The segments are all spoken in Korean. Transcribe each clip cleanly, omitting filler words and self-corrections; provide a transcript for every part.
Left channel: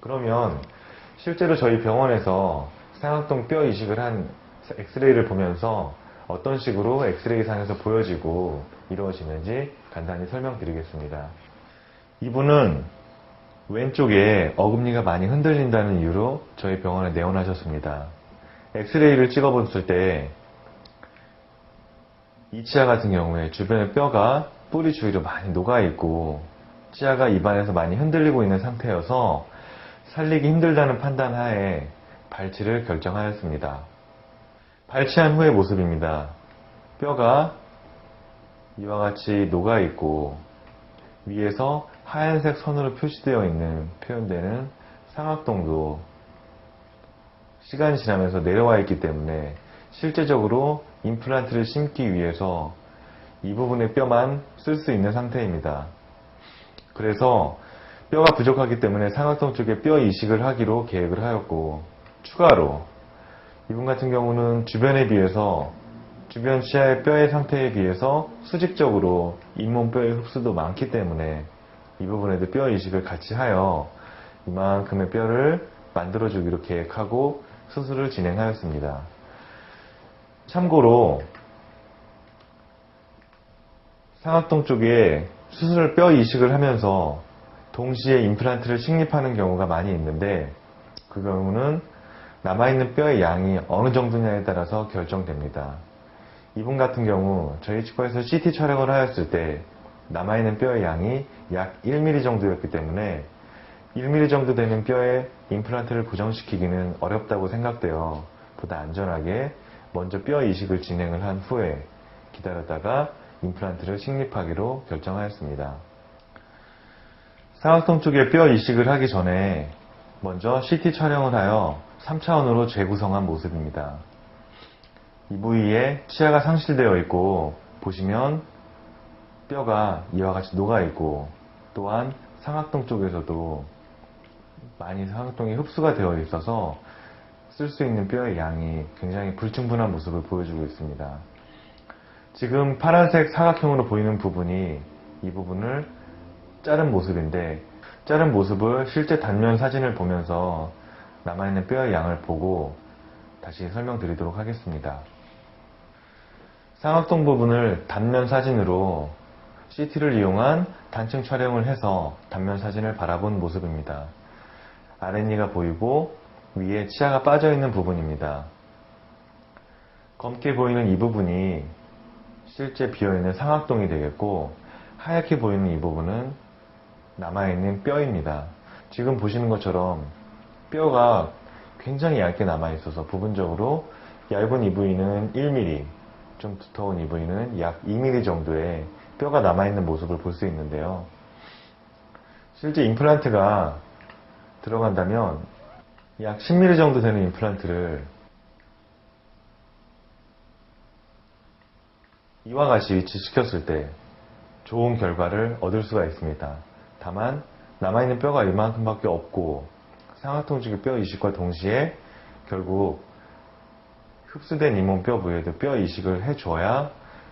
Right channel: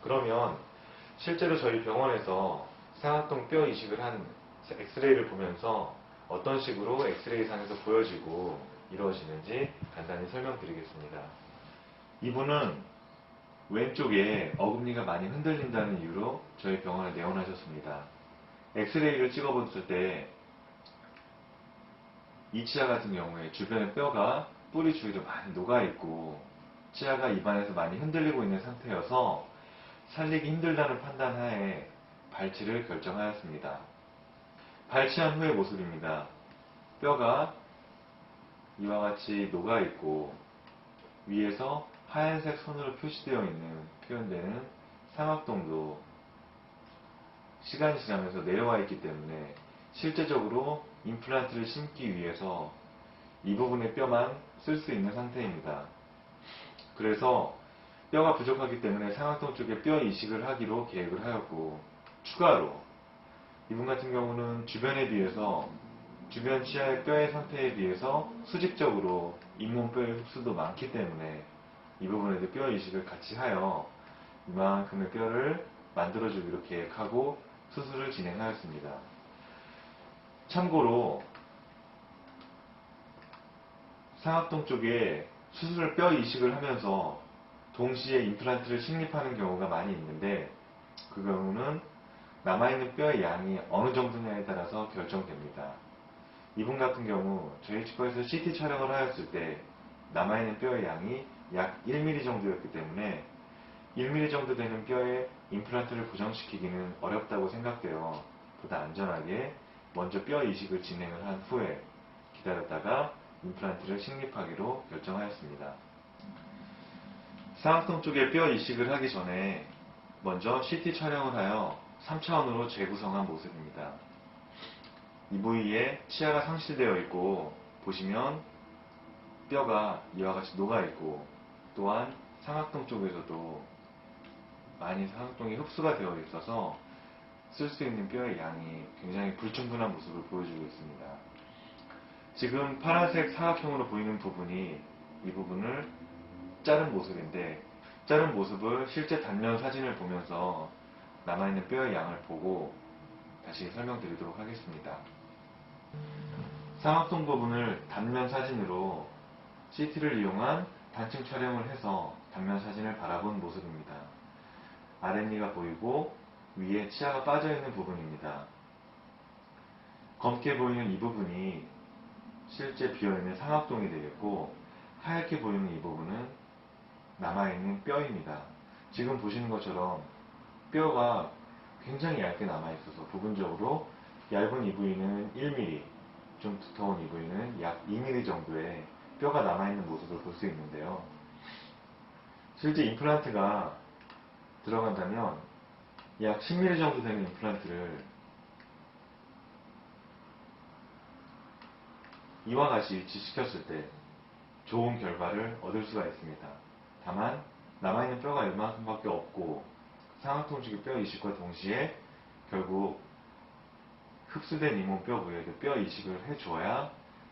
그러면 실제로 저희 병원에서 상악동 뼈 이식을 한 엑스레이를 보면서 어떤 식으로 엑스레이 상에서 보여지고 이루어지는지 간단히 설명드리겠습니다. 이분은 왼쪽에 어금니가 많이 흔들린다는 이유로 저희 병원에 내원하셨습니다. 엑스레이를 찍어봤을 때 이 치아 같은 경우에 주변에 뼈가 뿌리 주위로 많이 녹아있고 치아가 입안에서 많이 흔들리고 있는 상태여서 살리기 힘들다는 판단 하에 발치를 결정하였습니다. 발치한 후의 모습입니다. 뼈가 이와 같이 녹아있고 위에서 하얀색 선으로 표시되어 있는 표현되는 상악동도 시간이 지나면서 내려와 있기 때문에 실제적으로 임플란트를 심기 위해서 이 부분의 뼈만 쓸 수 있는 상태입니다. 그래서 뼈가 부족하기 때문에 상악동 쪽에 뼈 이식을 하기로 계획을 하였고, 추가로 이분 같은 경우는 주변에 비해서 주변 치아의 뼈의 상태에 비해서 수직적으로 잇몸 뼈의 흡수도 많기 때문에 이 부분에도 뼈 이식을 같이 하여 이만큼의 뼈를 만들어주기로 계획하고 수술을 진행하였습니다. 참고로 상악동 쪽에 수술 뼈 이식을 하면서 동시에 임플란트를 식립하는 경우가 많이 있는데, 그 경우는 남아있는 뼈의 양이 어느 정도냐에 따라서 결정됩니다. 이분 같은 경우 저희 치과에서 CT 촬영을 하였을 때 남아있는 뼈의 양이 약 1mm 정도였기 때문에 1mm 정도 되는 뼈에 임플란트를 고정시키기는 어렵다고 생각되어 보다 안전하게 먼저 뼈 이식을 진행을 한 후에 기다렸다가 임플란트를 식립하기로 결정하였습니다. 상악동 쪽에 뼈 이식을 하기 전에 먼저 CT 촬영을 하여 3차원으로 재구성한 모습입니다. 이 부위에 치아가 상실되어 있고, 보시면 뼈가 이와 같이 녹아 있고, 또한 상악동 쪽에서도 많이 상악동이 흡수가 되어 있어서 쓸 수 있는 뼈의 양이 굉장히 불충분한 모습을 보여주고 있습니다. 지금 파란색 사각형으로 보이는 부분이 이 부분을 자른 모습인데, 자른 모습을 실제 단면 사진을 보면서 남아있는 뼈의 양을 보고 다시 설명드리도록 하겠습니다. 상악동 부분을 단면 사진으로 CT를 이용한 단층 촬영을 해서 단면 사진을 바라본 모습입니다. 아랫니가 보이고 위에 치아가 빠져있는 부분입니다. 검게 보이는 이 부분이 실제 비어있는 상악동이 되겠고, 하얗게 보이는 이 부분은 남아있는 뼈입니다. 지금 보시는 것처럼 뼈가 굉장히 얇게 남아있어서 부분적으로 얇은 이 부위는 1mm, 좀 두터운 이 부위는 약 2mm 정도의 뼈가 남아있는 모습을 볼 수 있는데요. 실제 임플란트가 들어간다면 약 10mm 정도 되는 임플란트를 이와 같이 위치시켰을 때 좋은 결과를 얻을 수가 있습니다. 다만 남아있는 뼈가 이만큼밖에 없고 상악동 쪽의 뼈 이식과 동시에 결국 흡수된 잇몸뼈 부위에도 뼈 이식을 해줘야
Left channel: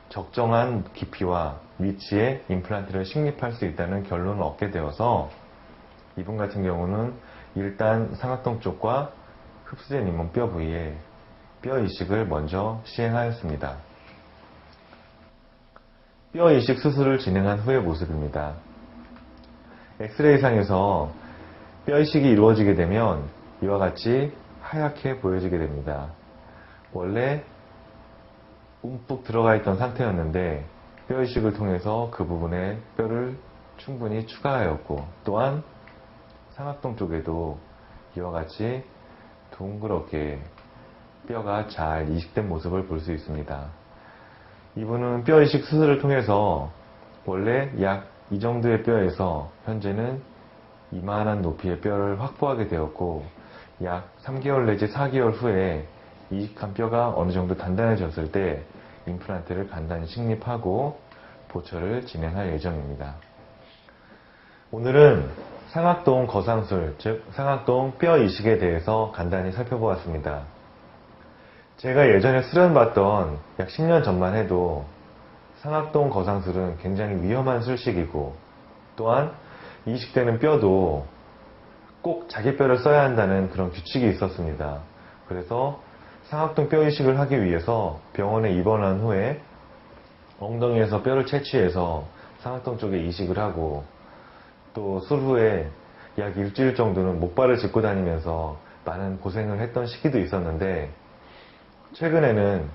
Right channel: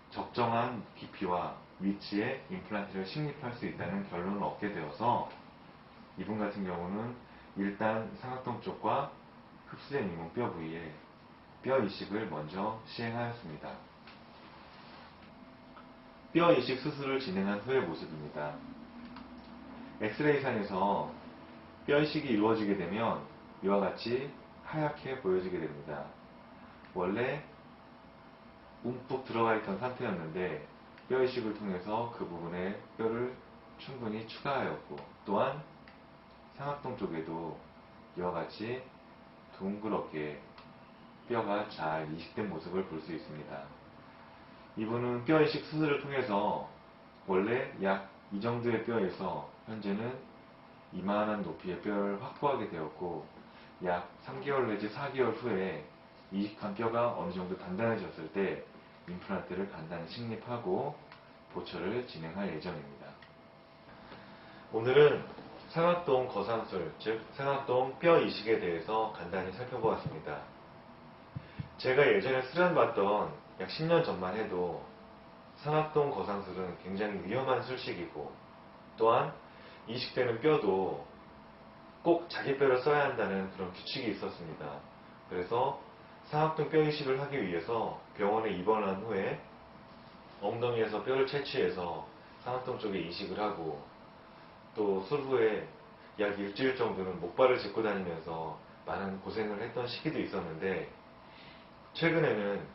적정한 깊이와 위치에 임플란트를 식립할 수 있다는 결론을 얻게 되어서 이분 같은 경우는 일단 상악동 쪽과 흡수된 잇몸뼈 부위에 뼈 이식을 먼저 시행하였습니다. 뼈 이식 수술을 진행한 후의 모습입니다. 엑스레이상에서 뼈 이식이 이루어지게 되면 이와 같이 하얗게 보여지게 됩니다. 원래 움푹 들어가 있던 상태였는데 뼈 이식을 통해서 그 부분에 뼈를 충분히 추가하였고, 또한 상악동 쪽에도 이와 같이 둥그렇게 뼈가 잘 이식된 모습을 볼 수 있습니다. 이분은 뼈 이식 수술을 통해서 원래 약 이 정도의 뼈에서 현재는 이만한 높이의 뼈를 확보하게 되었고, 약 3개월 내지 4개월 후에 이식한 뼈가 어느 정도 단단해졌을 때 임플란트를 간단히 식립하고 보철을 진행할 예정입니다. 오늘은 상악동 거상술, 즉 상악동 뼈 이식에 대해서 간단히 살펴보았습니다. 제가 예전에 수련받던 약 10년 전만 해도 상악동 거상술은 굉장히 위험한 술식이고, 또한 이식되는 뼈도 꼭 자기 뼈를 써야 한다는 그런 규칙이 있었습니다. 그래서 상악동 뼈 이식을 하기 위해서 병원에 입원한 후에 엉덩이에서 뼈를 채취해서 상악동 쪽에 이식을 하고, 또 술 후에 약 일주일 정도는 목발을 짚고 다니면서 많은 고생을 했던 시기도 있었는데, 최근에는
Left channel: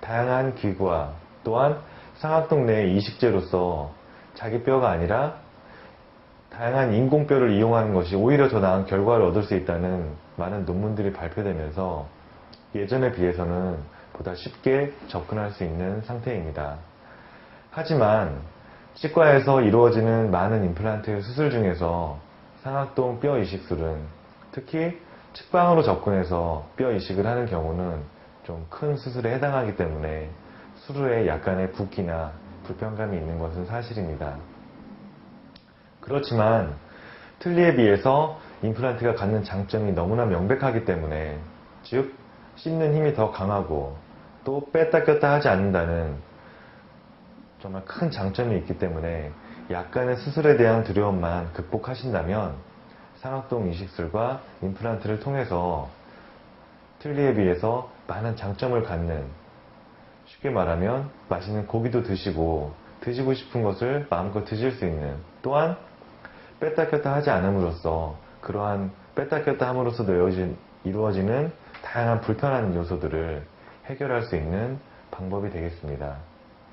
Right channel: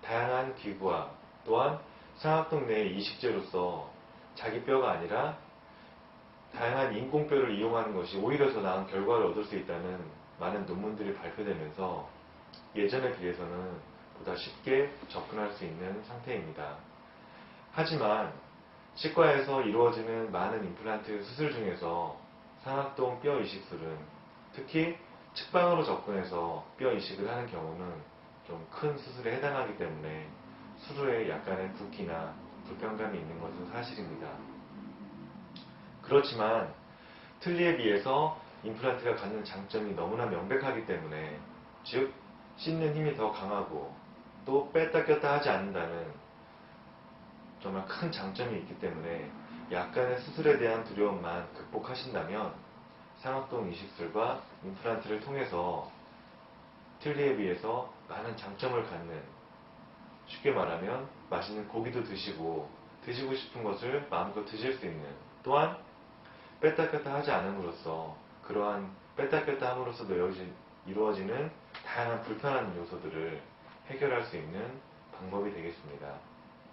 다양한 기구와 또한 상악동 내의 이식제로서 자기 뼈가 아니라 다양한 인공뼈를 이용하는 것이 오히려 더 나은 결과를 얻을 수 있다는 많은 논문들이 발표되면서 예전에 비해서는 보다 쉽게 접근할 수 있는 상태입니다. 하지만 치과에서 이루어지는 많은 임플란트 수술 중에서 상악동 뼈 이식술은 특히 측방으로 접근해서 뼈 이식을 하는 경우는 좀 큰 수술에 해당하기 때문에 수술에 약간의 붓기나 불편감이 있는 것은 사실입니다. 그렇지만 틀니에 비해서 임플란트가 갖는 장점이 너무나 명백하기 때문에, 즉 씹는 힘이 더 강하고 또 뺐다 꼈다 하지 않는다는 정말 큰 장점이 있기 때문에 약간의 수술에 대한 두려움만 극복하신다면 상악동 이식술과 임플란트를 통해서 틀니에 비해서 많은 장점을 갖는, 쉽게 말하면 맛있는 고기도 드시고 드시고 싶은 것을 마음껏 드실 수 있는, 또한 뺐다 꼈다 하지 않음으로써 그러한 뺐다 꼈다 함으로써 이루어지는 다양한 불편한 요소들을 해결할 수 있는 방법이 되겠습니다.